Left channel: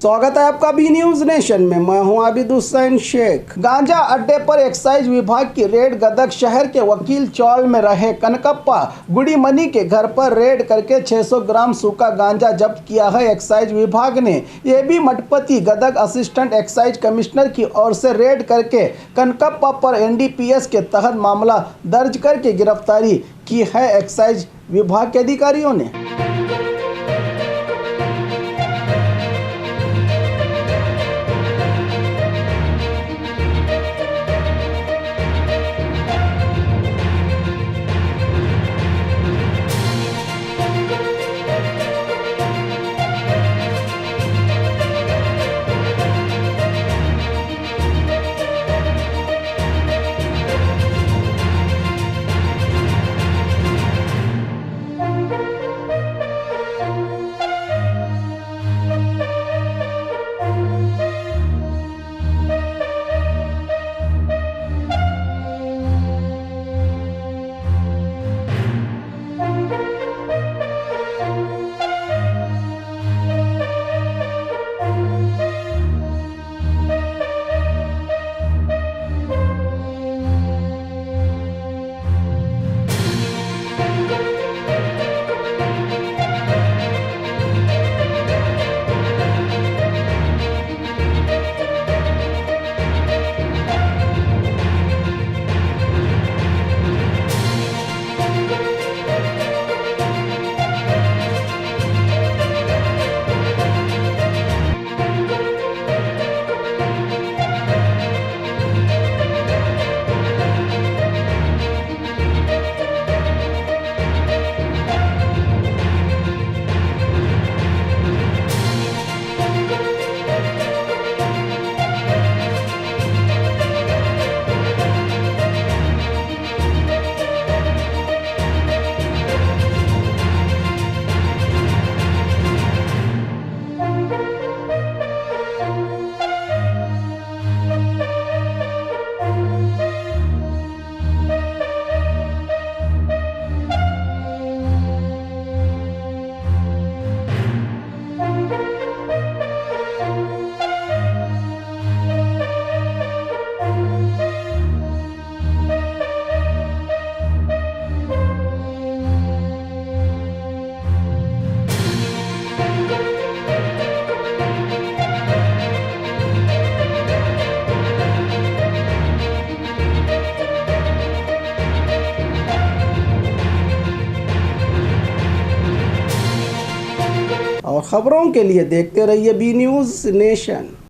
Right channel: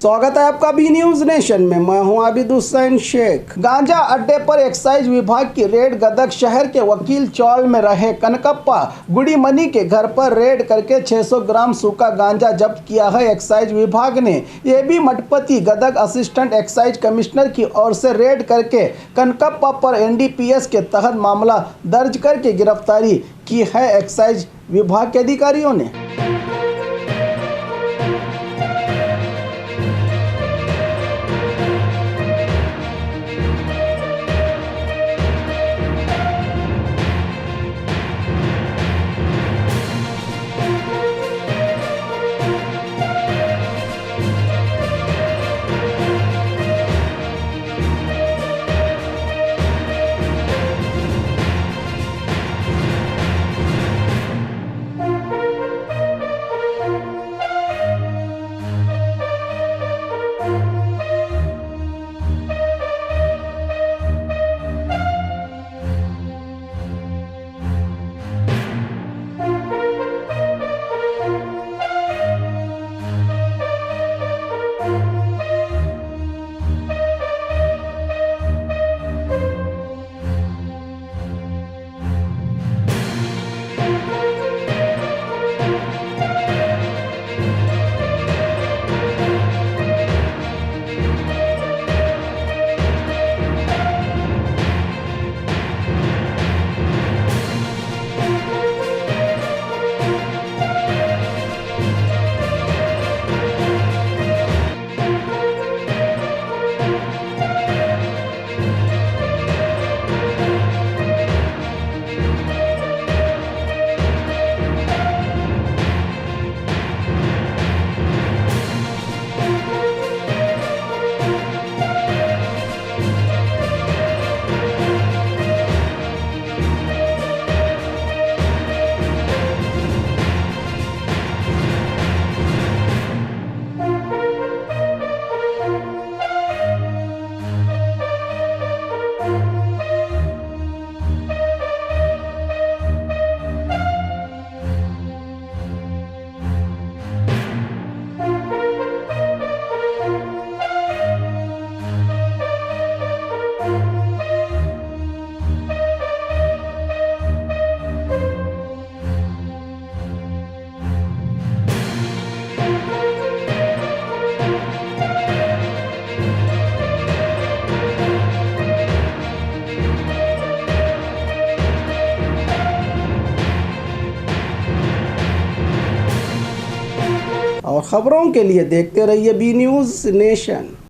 स्वागत है आपका बी न्यूज नेशन में। मैं हूं आबिद हुसैन शेख। गांजा अड्डे पर एक्साइज विभाग की रेड। गदग शहर के वकील चौल में रहे कनकप्पा गुड़ीमनी के घर पर रेड करके 600 ग्राम सूखा गांजा जब्त किया है एक्साइज विभाग ने। ये भी Mathapati Gadag assistant excise commissioner की ओर से रेड करके कनकप्पा पर NDPS के तहत मामला दर्ज करके गिरफ्तारी की है एक्साइज विभाग के अधिकारियों ने। और खबरों के लिए देखते रहिए बी न्यूज नेशन।